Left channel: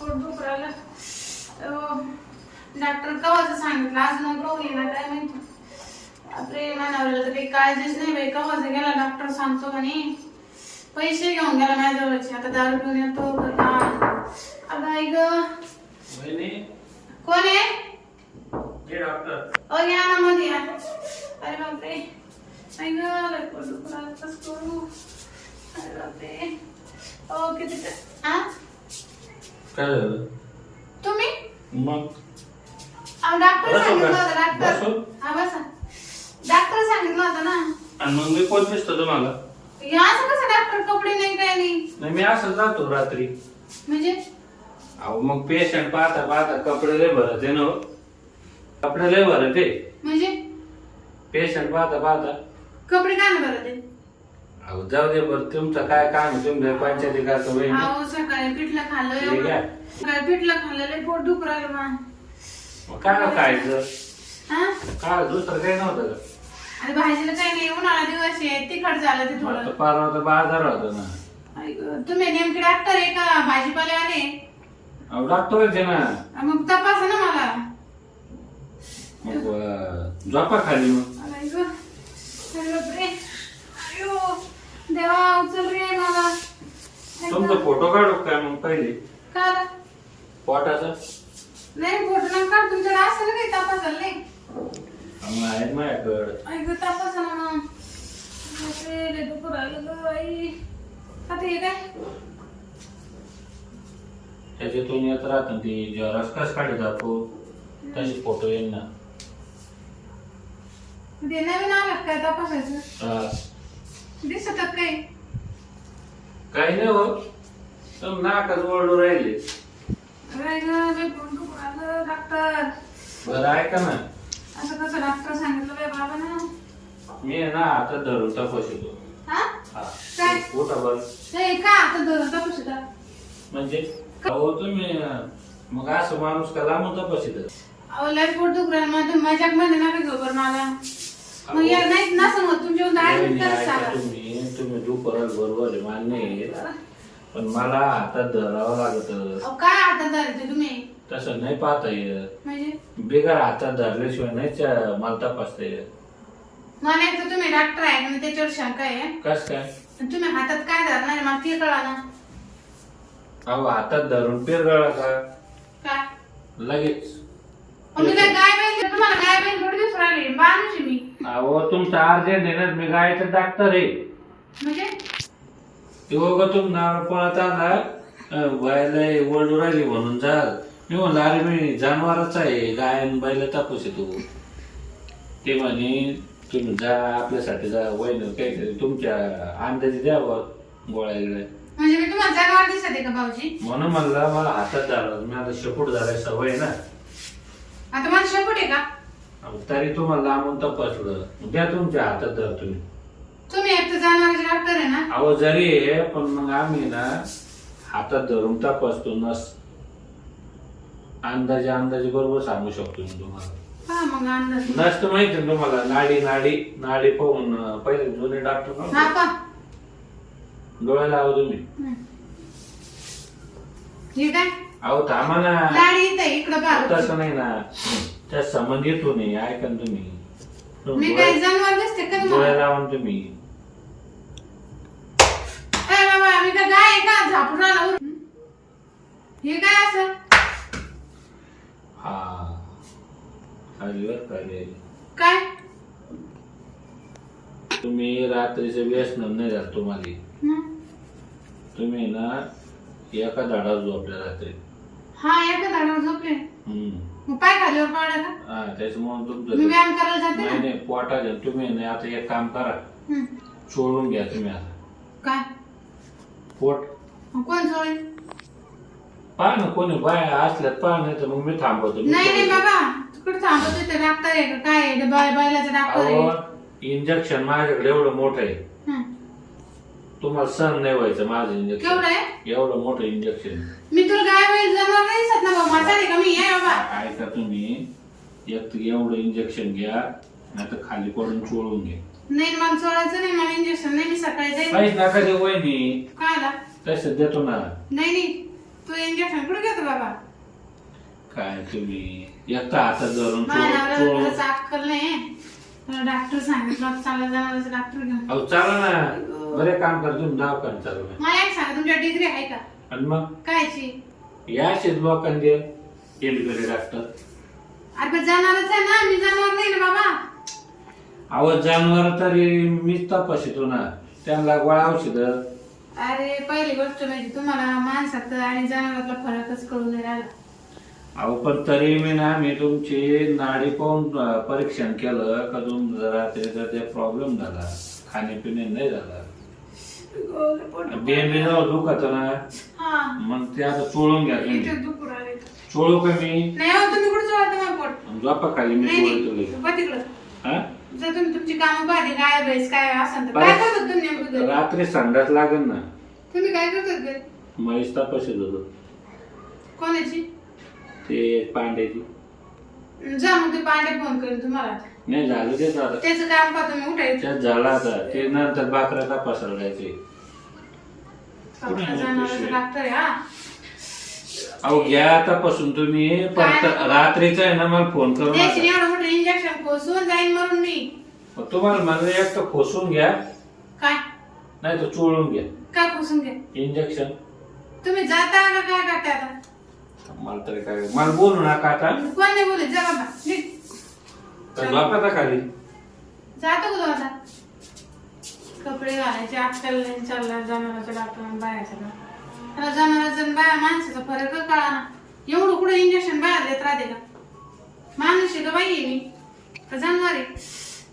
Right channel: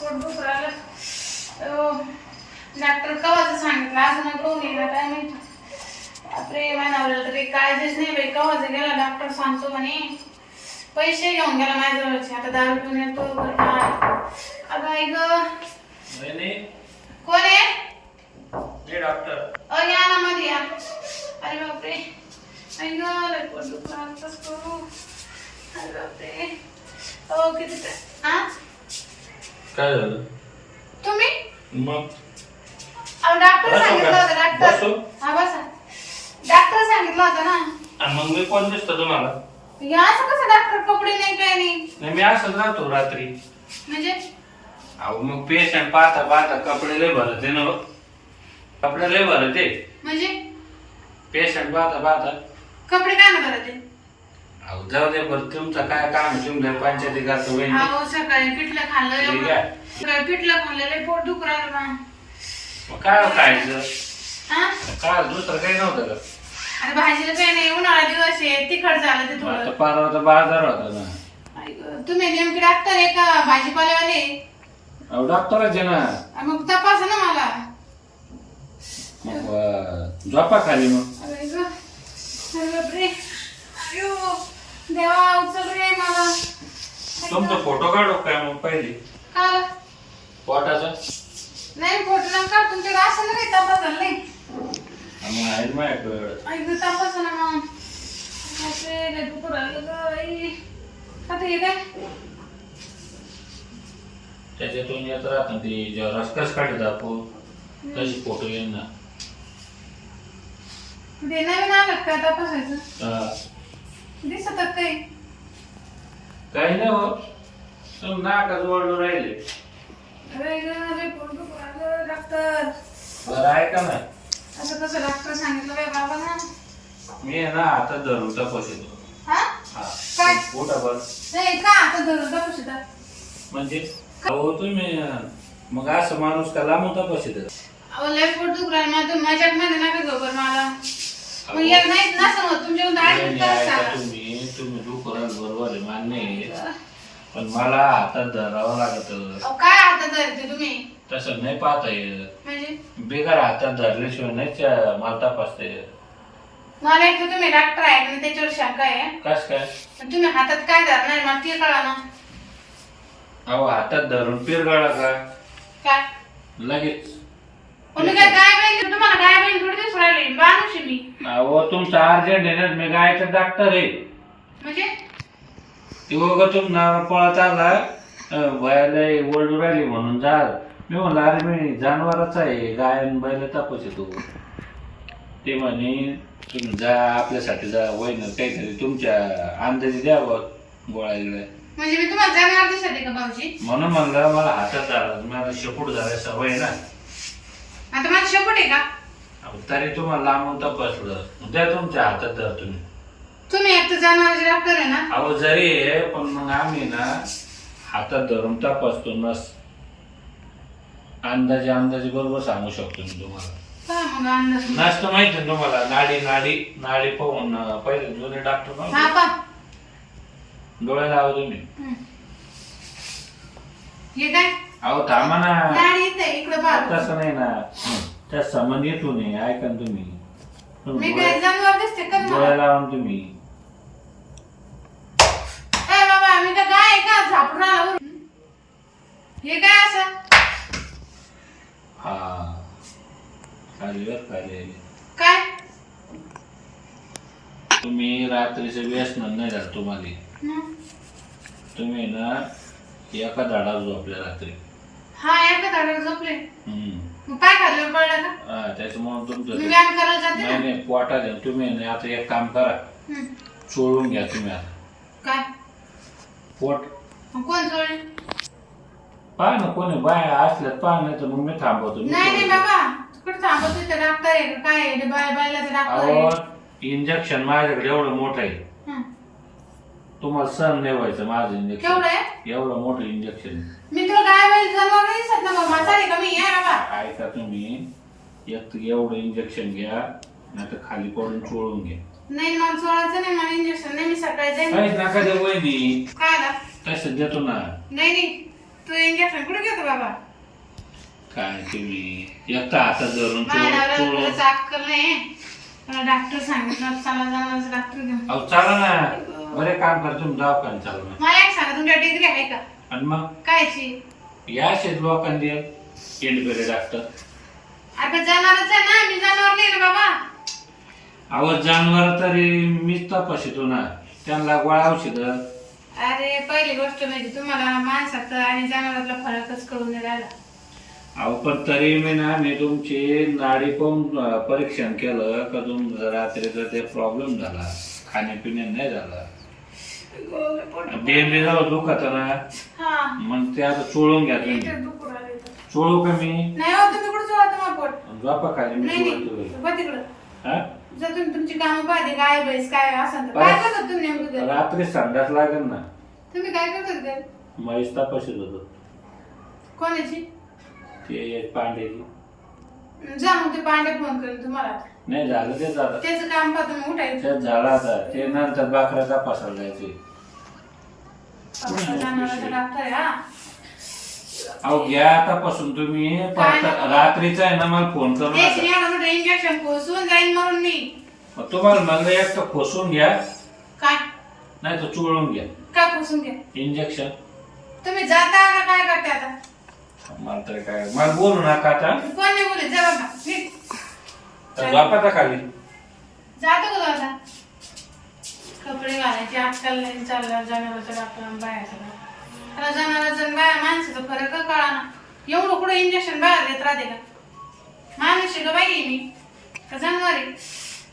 पोट दुखू राहिलं अहो, डॉक्टर कवाचं सांगितलं? अजून कोण येणार काय माहिती? बापरे मानावर तर काही काळजीच नाही बाई. कवाचं गेला डॉक्टर सांगतो म्हणे. पैसे घेऊन गेला माझ्याजवळचे. आता दारू पिऊन येतो आता वहिनी, कोण आहे? डॉक्टर अ या ना मध्ये या. अरे बापरे. लय पोट दुखू राहिलं, कसं करू. अरे बापरे. हो किती हा काय झालं? तुम्ही? मग? अहो डॉक्टर सांगितलं का? होतं डॉक्टर बसू? हा बसा. डॉक्टर सांगितलं होतं ना. आणि मग मी कोण दिसतो तुम्हाला? हे असं कसं डॉक्टर कपडे नाही काय नाही? नाही मी असं जातो रात्री. म्हणजे? अहो मग पेशंट पाहता पाहता कपडे लय भरत आहे ना हो. कपडे लय भरत म्हणजे? पेशंट पाहता पाहता. कपडे काय ना बरं ते अहो जाऊ दे बरं तुमचं काय काम? तुम्ही पंचायती करता वहिनी अहो सकाळी पिठलं खाल्लं ठीक एवढं. आहे. सकाळी पिठलं खाल्लं लय पोट दुखू राहिलं ना मग काय हो खायचं? हा काय दुसरं काही नव्हतं का? अरे भाजीला काय नाही उन्हाळा दिवस आहे. तिखट झालं ते मग आता थोडं परवा तर बाजार होता ना. आई गं, तुम्ही नेमके डॉक्टर आहे का? भाजीपालेवाले अहो डॉक्टरच आहे ना. अं, मग तपासा ना मला. मग अं, झोपा खाली मग अरे गं, अरे बापरे अयो देवा उचल रे मला आई तुमचा फोटो काढू काय मग पहिले? पोटाचा? नाही फोटो नका तुमच्याकडे असं नाही. तपासायला माझ्याकडं तपासा ना मग. बापरे लय दुखू राहिलं गं आई. आता हे काय? त्याच्यातून येत राहत ते जेव्हा रसकस काढत आपण तशी फोटो येईल ना आलं काय तपासायचं? हा. दिसतात काही. काही नाही हो. तुम नाकाच ओढून राहिले. अरे गं, लय पोट दुखू राहिलं डॉक्टर. बरं ऐका ना. असं कसं डॉक्टर सांगितलं बाई बाबा ना मी आहे ना आता धरून हा? हा. काय? पोटा बरं. नाही का आता धरून तपासू म्हणजे? हो तुम्ही अं, मग असं माणूस का लांबून तपासित? अहो लय पोट दुखू राहिलं. तुम्ही मजाकमध्ये नका घेऊ बरं मला. मग नाही नाही, करा ऐका सांगा. तुम्ही. बरोबर आहे मान्य आहे. पण मला हातात धरावं लागत. अहो काय आता धरते तुम्ही? तसं नाही पाहता येत. म्हणजे? बेकार हातात धरल्याशिवाय नाही च्या- मला तपासता येत. मला एक तर तुम्ही डॉक्टर आहे आणि त्याच्यावर शंका आहे. कस काय? पण तुम्ही हातात काय धरणार मला ते कळा ना. अहो हातात धरून पिरगळा का? काय? लगेच. पण मी काय बहीण तुम्हाला गाय बहीण थोडी दिवस राहिले. माणूस आहे मी. अहो तुमचं अर्जंट आहे ना मी गायचं डॉक्टर आहे. म्हणजे? तुम नाव पळत आला वयाला ओरडू राहिली म्हणून जा मी म्हणलं अरे मी जनावरच आहे. गाय आणि बैल तापस येतो ते. म्हणे तुम्ही जा आपल्यासाठी जा वैन काहीतरी तुमच्या अंदाजे द्या म्हणजे मी तुम्हाला दिसत का भाऊजी? म्हणून म्हणलं मला हातात धरा. मी आता शेपूट धरायला सवय ना. आता माझं शेपूट आहे का? तरी तुम्हाला लांबून तपासलं द्या तुमच्या हातात धर तुम्ही. तुम्ही एक तर जनावरचे डॉक्टर आहे ना? अहो जरी आहे पण मग आम्ही ना हातात धरून तपासतो नस अंदाजे अंदाजे बरोबर सांगू शकतो मी तुम्हाला. पहा मग अंदाज. नस तर माहिती ना तुम्हाला नाडी नाडी नाडी पाहून अं, पहिले जुने डॉक्टर हा म्हणतो, पा. डोळे लावा तुम्ही. हे काय अहो थांबा ना. इकडं पहा. तसं नाही ना. त्या संबंध येतो नाही ऐका ना तुम्ही. मी काय डोळे जनावर दिसते का डोळे तुम्हाला लावा ना तुम्ही काय बाबा मी काय गाय आहे का? झापून राहिला वरून. हे काय असं? हा. आली आली, आली. काय? तुम्ही रात्रीचं व्यसन नाही झालं तुम्हाला. हं. तुम्ही ना एका झाडावर झोपल्या रात्री. हा एका झाडावर झोपले. हम्म. मग पाय पडला का? हा त्याच्यामुळे मी तुमचं व्यायाम करायला जाते नाही ना? नाही पोटा द्या तुम्ही ना आता एक काम करा. हं. चोळून घ्या तुम्ही आता. काय? पोट मग कोण पहा ना कोणी बाया असल्यात पहा नाही तर मग मी थांबवतो नाही नाही बाबा तिकडे थांबत तिथे डॉक्टर आहे का काय आहे? बाय बायलाचा डॉक्टर आहे इंजेक्शन माझ्याकडे एवढं मोठं आहे हं. तुम्हाला सहन नाही व्हायचं माझं केवढं इंजेक्शन आहे एवढं मोठं इंजेक्शन मी तुला गाय नाही दिसत ना बाबा म्हातारे का मी आहे बाबा ऐका तुम्ही एक एवढं इंजेक्शन घ्या नाही तर खाली पडून चोळून घ्या नाही मला चोळायचं नाही मला इंजेक्शन नाही मी सकाळी जाईन काहीच नका दे वहिनी. काय आला तसं देतो ना? नाही नाही. तू इंजेक्शन कुठे घेतो बाबा? काय तुम्ही एकटा हातात धरून माझ्या चोळून- नवऱ्याला चोळून खरंच अक्कल नाही. मला डॉक्टर सांगितलं चला जाणार डॉक्टर घेऊन. अहो चला ना. बरे काम कर तुम्ही दवाखान्यात चालू ना. मला एक सांगा तुमच्या डिग्री आहे का? आणि मग? कायची? या शेत लोकांनी इंडिपेंडेंट डॉक्टर अरे जनावरच आहे ना मी जनावर नाही ना बाबा. अहो जनावर तरी मीच तपासितो ना. त्यांना गोळा औषध. अरे पहिली गोष्ट म्हणजे तुम्हाला माणसात आणि जनावरातला फरकच कळून नाही राहिला. अहो पण तरी मी ना मी तुमची नाडी पाहून अं, परीक्षण केलं का तुमचं रात्रीचा ते प्रॉब्लेम झाला खाण्यापिण्यात नाही झाला. डेली जाऊ दुखत ना. हा. मग ते आता चोळून घ्या इथे तुम्ही दुखू राहिले. चोळू का मी? नाही हो तुम्ही कुठे जावा तुम्हाला पोट? झोपा खाली मी नाही चोळतो नाही. तुला. बघ तिकडं. हा? जर तुम्ही तुमची कामं पाहिजे गाय म्हैस काय असं तर काय करतात तुम्ही नेमकं घरी? रात्री संडास लागेल ना. तुम्ही काय करतात घरी? म्हैस तपाशीत होतो कोणाची? ते पांड्याची. जा मग ते पांडे फोन करेल तुम्हाला. नाही झालं ते झालं. त्याचं काम पाहतो तुम्ही उठायचं. त्यात झाला आता. ते नंतर बाकरा तपासायला जायचे जनावरांचा डॉक्टर आहे हा. अहो घ्या तपासून तुम्ही परत रात्रीचा आहे ना मला फोन करू नका. इंजेक्शन कोसून जाईन म्हणून मी. मग तुम्हाला मला एक तर खोसून घ्या. काय? नाही तर चोळून घ्या. काय कोसून घ्या? इंजेक्शन तुम्ही जाता का काय करता आता? मला तरी काय मला बोलू नका आता. कोण नाही बोलत? जा बाबा. नीट तर झोपाता खाली? जातो का तू आता कपडे घालायचे अक्कल नाही चालला जनावरचा डॉक्टर बाहेरचा आता जनावरचा आणि बाया माणसाचा फरक कळा ना एवढं कुठं इंजेक्शन बाहेर देत राहते का? माणूस आहे का बाई आहे मी? का जनावर आहे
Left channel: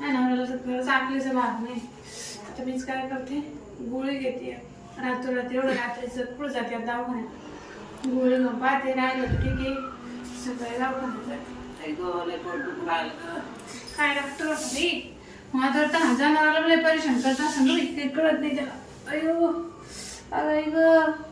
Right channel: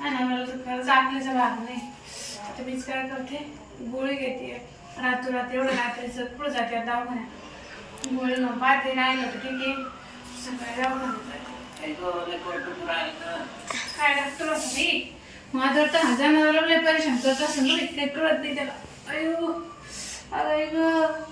जनावराला तर खरंच आकलीचा भाग नाही. आता मीच काय करते? गोळी घेते. रात्री एवढं रात्रीचं पुढे जाते दवाखान्यात. गोळी घेऊन पाहते राहिलं तर ठीक आहे. सकाळी दवाखान्यात. काय डॉक्टर होता माझ्यावर तर मला लय परेशान करत रे, काही कळत नाही त्याला. अयो अरे ग